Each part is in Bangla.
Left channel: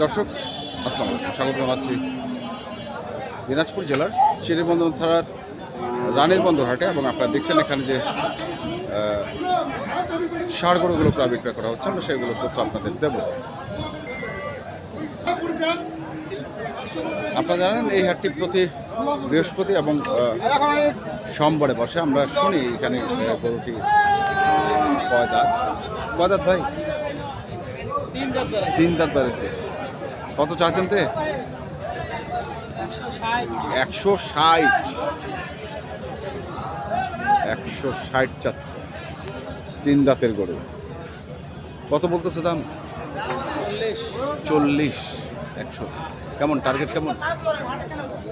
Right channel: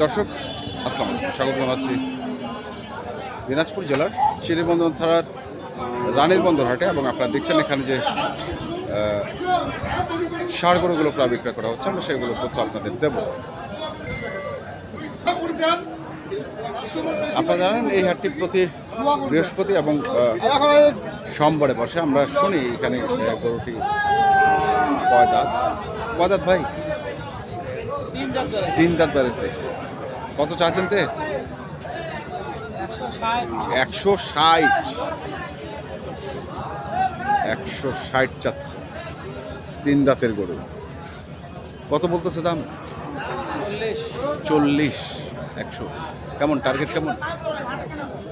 দর্শক আসসালামু আলাইকুম স্বাগত জানাচ্ছি দিনাজপুর জেলার চিরিবন্দর থানার রানীর বন্দর হাটে এবং আপনারা দেখছেন এখানে যে আহ, ষাঁড় গরুগুলো প্রায় বিক্রয় করা হচ্ছে আমরা সেগুলো তথ্য আপনাদের দেব। আপনারা জানেন এই হাটটি প্রতি বৃহস্পতি এবং সোমবারে বসে আমরা শুনি এখানে গরুটি কয় দাঁত কয় দাঁত ভাই? তিন দাঁত বেড়েছে। কত চাচ্ছেন তে? একশো ষাট। একশো ষাট চাচ্ছে। তিন দাঁতের গরু। কত বলতেছে দাম? চল্লিশ। একশো। কেমন? টার্গেট কেমন?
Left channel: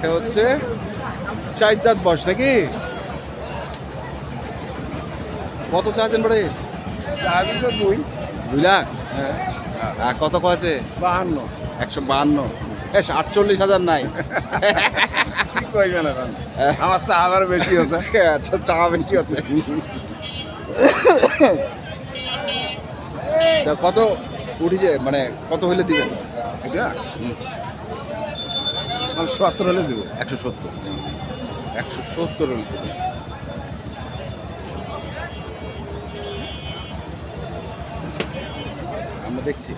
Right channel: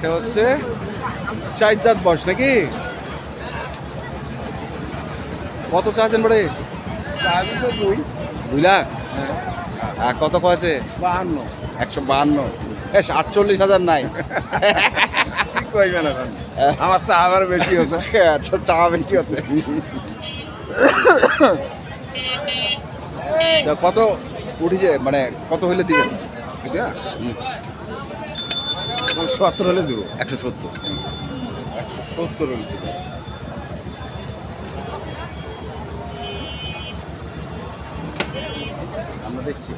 এটা হচ্ছে চার দাঁত বয়স নাকি? কত চাচ্ছেন বাড়ি দুই। দুই লাখ? হ্যাঁ। আর কত কয়েছে? বাহান্ন। একশো বাহান্ন। এস আটচল্লিশ হাজার নাই। কি কইবেন এখন। আমার চা আবার বেশি হচ্ছে। আচ্ছা চা বেশি হচ্ছে। কত উঠেছে? মানে কত হইলে দিবেন? এটা? আমার সত্তর হলে দেবো। একশো সত্তর। একশো সত্তর হলে দিবেন আমরা দেখছি।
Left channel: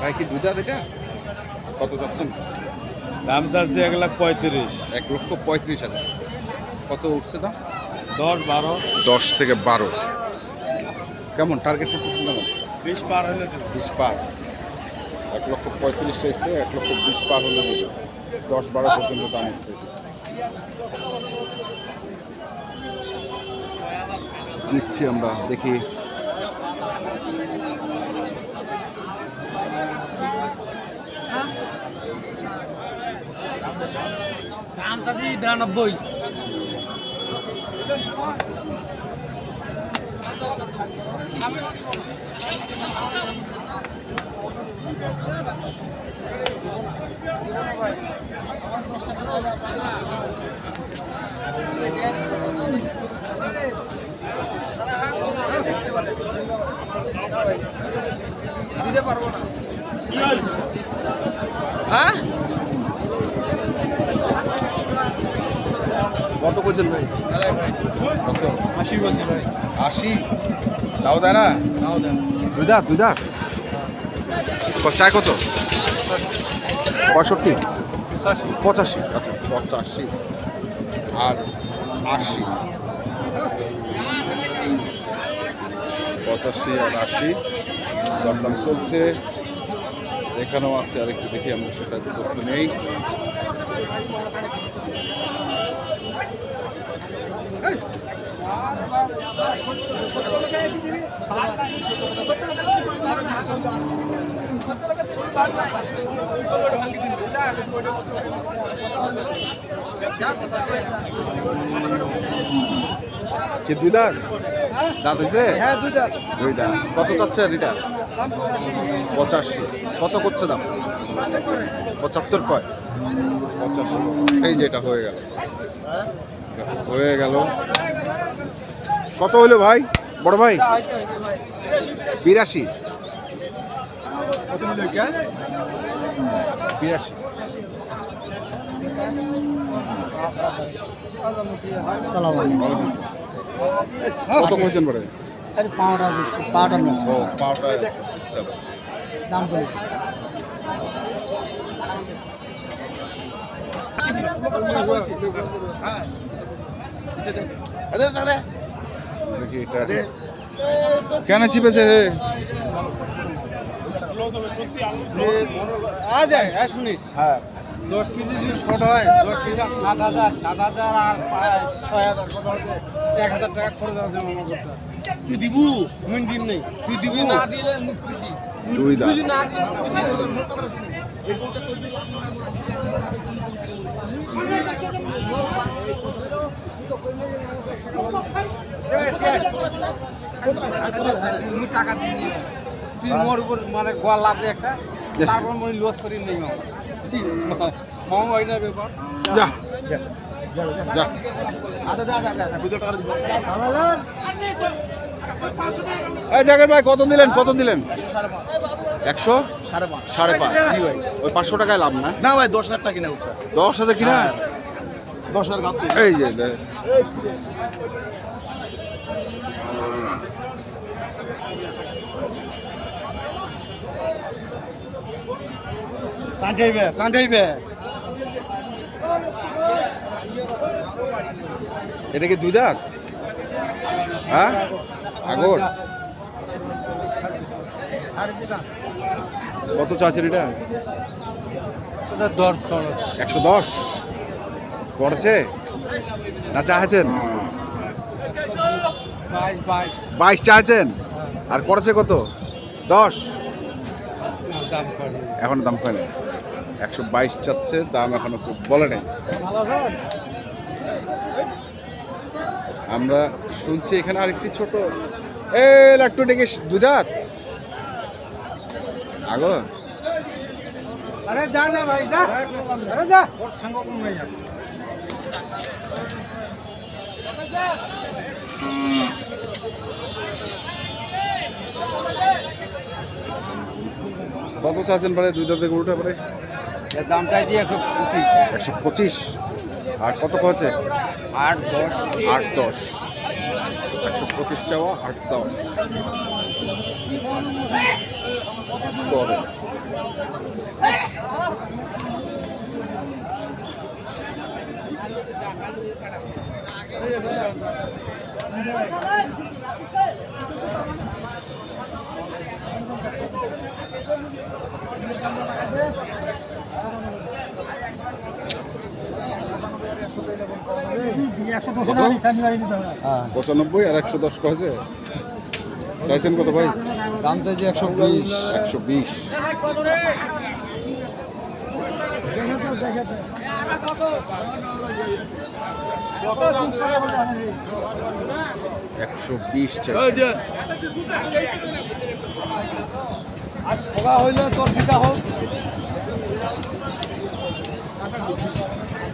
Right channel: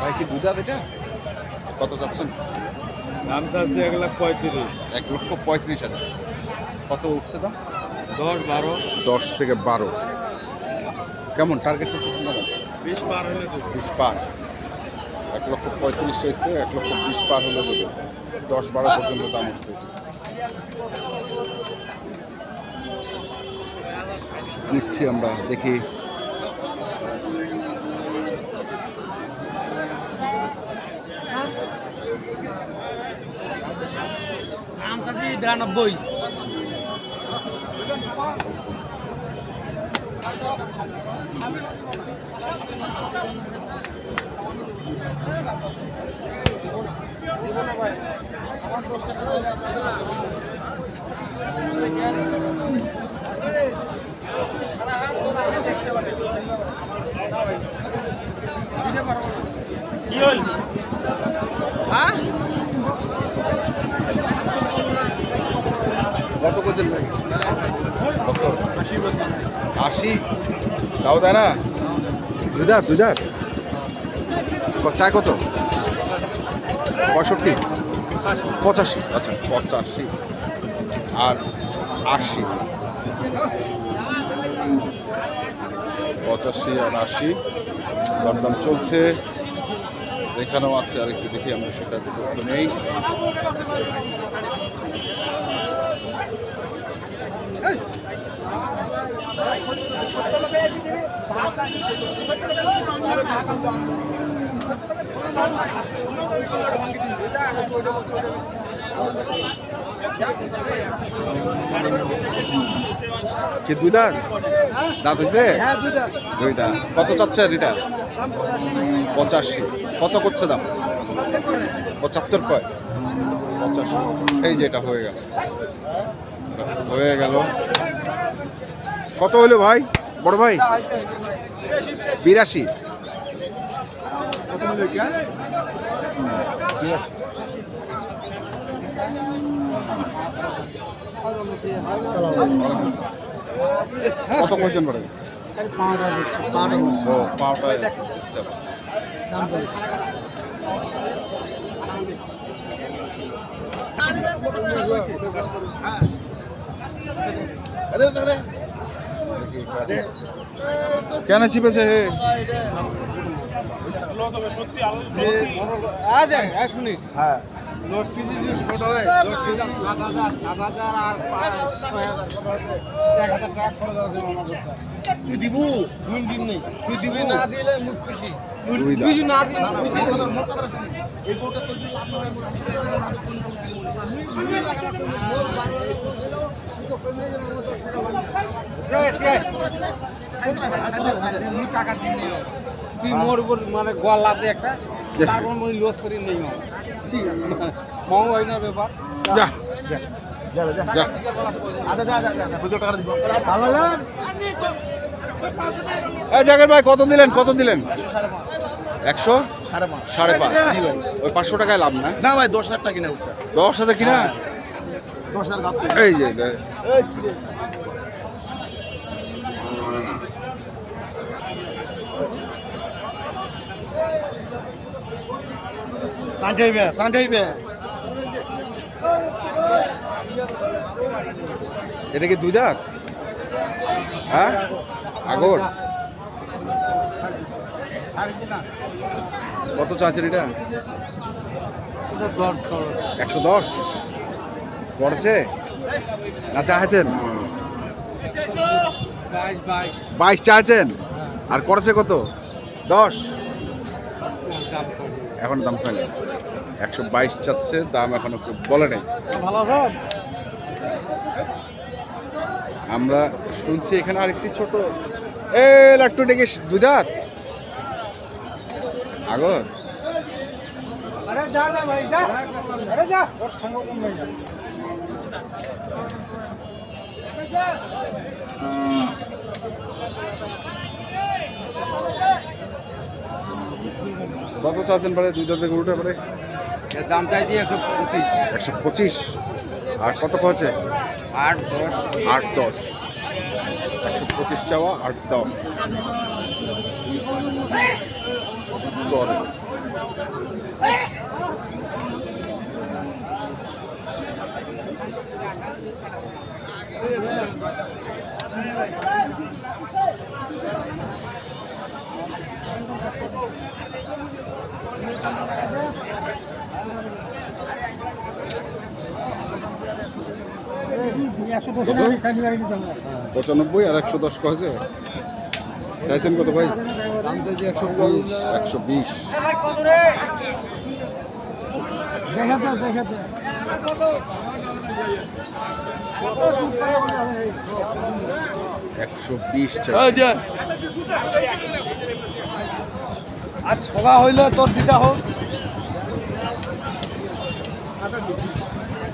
ভাই কি দুধ এটা? কত যাচ্ছেন দাম চাচ্ছে এক লাখ পঁয়ত্রিশ। এক লক্ষ পঁয়ত্রিশ হাজার। কত উঠছে দাম? দশ বারো। দশ থেকে বারো। কেমন টার্গেট করতেছেন কেমন বিশ পার হলে বিশ পার। এক লক্ষ পঁয়ত্রিশ চাইছে এক লক্ষ বিশ পার হলে দেবে। দশ বারো পর্যন্ত দাম উঠছে এটি। নিচ্ছি আমরা দেখি চাচ্ছি বিরানব্বই। দিতে পারব না কি হল হ্যাঁ কত করছেন ভাই? কত? আশি। তাও দেয় না দুই দাঁত দুই দাঁত চায় কত? পঁয়ষট্টি। পঁচাশি। আচ্ছা পঁচাশি। আর আশি। পঁচাশি আর আশি। দরদাম চলছে। এখানেও আছে আরেকটু দেখি আমরা সেটা তথ্য নেই। কি দুই দাঁত? দাঁত হয়েছে হ্যাঁ দুই দাঁত। কত চাচ্ছে এটা? পঁচাশি। কত করছে দাম? পঁচাত্তর কয়? পঁচাশি। এই যে এটা হয়ে গেল। হয়ে গেল। কত হইল ভাই? বড় ভাই? বিরাশি। কত খালি পাওয়াটা দিচ্ছে পাওয়াটা ও, পাওটা দাম কেন চিপেছে? শুনিস। হ্যাঁ। দশ কেজি যদি ছোট হয় দশ কেজি সাত হাজার সাত হাজার আর এক হাজার টাকা খরচ আছে করতে। তুই দিবু? মুই দিন নেই। তুই দিবু? না দিলে মুখ খুশি। তুই না দিবি খুশি। মুই টাকা দিন নিও তুই মোর উপর মানে গোয়াল লাভ একটা তারপর মই লস করি নেই মামা মামা হয় না ব্যাপার যা যা এই জাগের ভাই কত দিলেন? কত দিলেন? একশো? সাড়ে পাঁচ। সাড়ে পাঁচ। ওই পাঁচশো টাকায় লাভ না? না ভাই দশ হাজার টাকা কিনে দশ হাজার কিনা? হ্যাঁ। দশ হাজার এই যে। সাঁঠাইবে সাঁঠাইবে এটা কি দুই দাঁত হ্যাঁ? আগর। কত চাচ্ছেন এটা? একশো দশ। পড়ছে? না চাচ্ছেন? বাইশ বাইশ। আর করেছে কত? দশ? এখনও দাম হয় একশো বাইশ চাচ্ছে, দাম এখনও বলে নেই। আমরা শুনছি এখানে আরেকটি ছোট এ, লাট্টু ডেকে দুই দাঁত? আগর কত চাচ্ছেন পরে দুই দাঁতের গরুটা পরে এর দাম চাই দিয়ে একশো পঁচিশ। একশো পঁচিশ? আর কত কছে আট দশ। আট দশ। একশো পঁচিশ চাওয়া আট দশ। করে পঁচানব্বই আর একশো দশ কয়েছে চাইছেন কত ভাই? দাম চাইছি একশো বিশ। একশো বিশ। একশো বিশ চাই আর ছোলা হইলে তোর দিতে হোক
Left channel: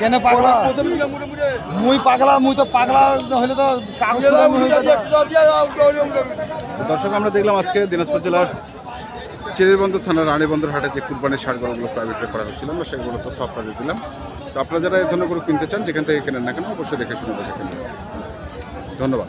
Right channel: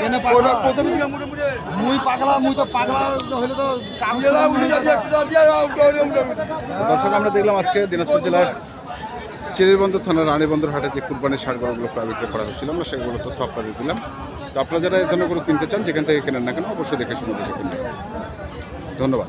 কেন পাগলা? মুই পাগলা মুই তো পাগলা হইলে তো দর্শক আমরা দেখলাম আজকে দিনাজপুর জেলার চিরিরবন্দর থানার রানীবন্দর হাটে যে কুরবানির সার গরুগুলো প্রাইভেট করা হচ্ছিল আমরা সেগুলো তথ্য আপনাদের দিলাম। তো আপনারা যারা এই ধরনের গরু কিনতে চান যেখান থেকে কেনেন না কেন অবশ্যই দেখে শুনে বুঝে কিনবেন ধন্যবাদ।